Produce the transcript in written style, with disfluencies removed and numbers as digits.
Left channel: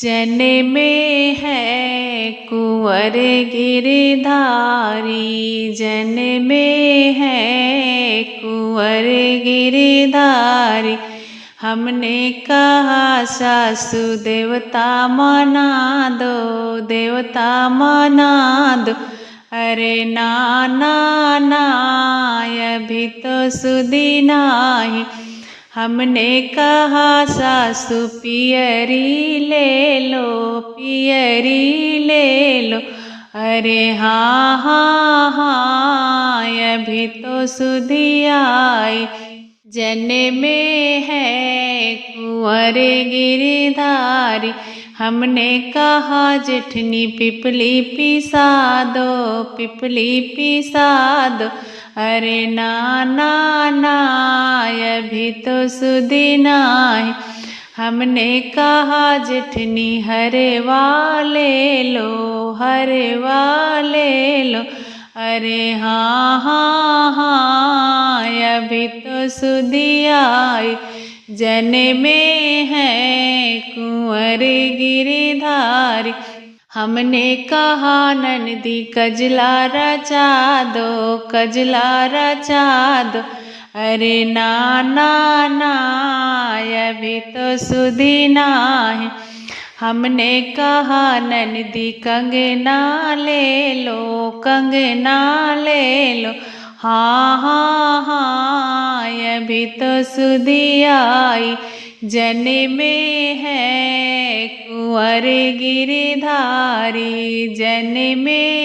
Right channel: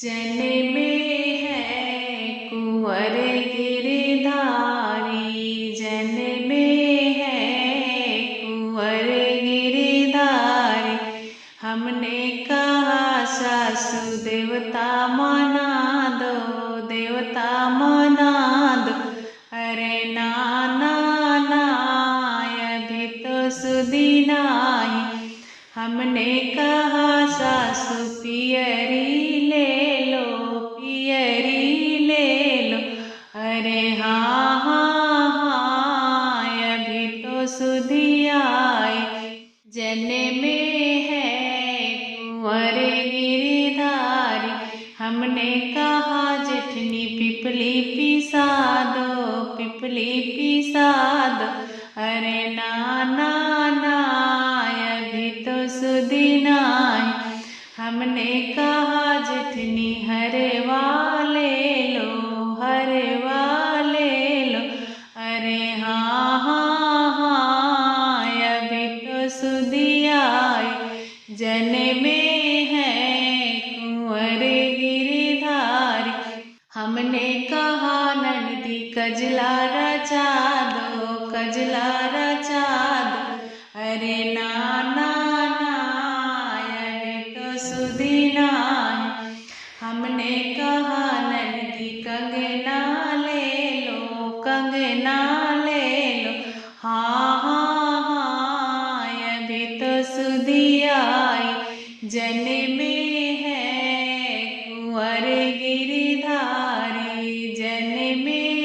जन्मे है कुंवर गिरधारी, जन्मे है कुंवर गिरधारी। हमने कहा सासु देवता मना दो, देवता मना दो। अरे नाना ना अभी तो सुधी नाही। हमने कहा सासु पियरी ले लो, पियरी ले लो। अरे हाँ हाँ हाँ अभी तो सुधी आई। जन्मे है कुंवर गिरधारी। हमने कहा जेठनी पिपली पिसा दो, पिपली पिसा दो। अरे नाना ना अभी तो सुधी नाही। हमने कहा जेठनी हरवा ले लो, हरवा ले लो। अरे हाँ हाँ हाँ अभी तो सुधी आई। जन्मे है कुंवर गिरधारी। हमने कहा ननदी कजला रचा दो, कजला रचा दो। अरे नाना ना अभी तो सुधी नाही। हमने कहा ननदी कंगना ले लो, कंगना ले लो। हाँ हाँ हाँ अभी तो सुधी आई। जन्मे है कुंवर गिरधारी, जन्मे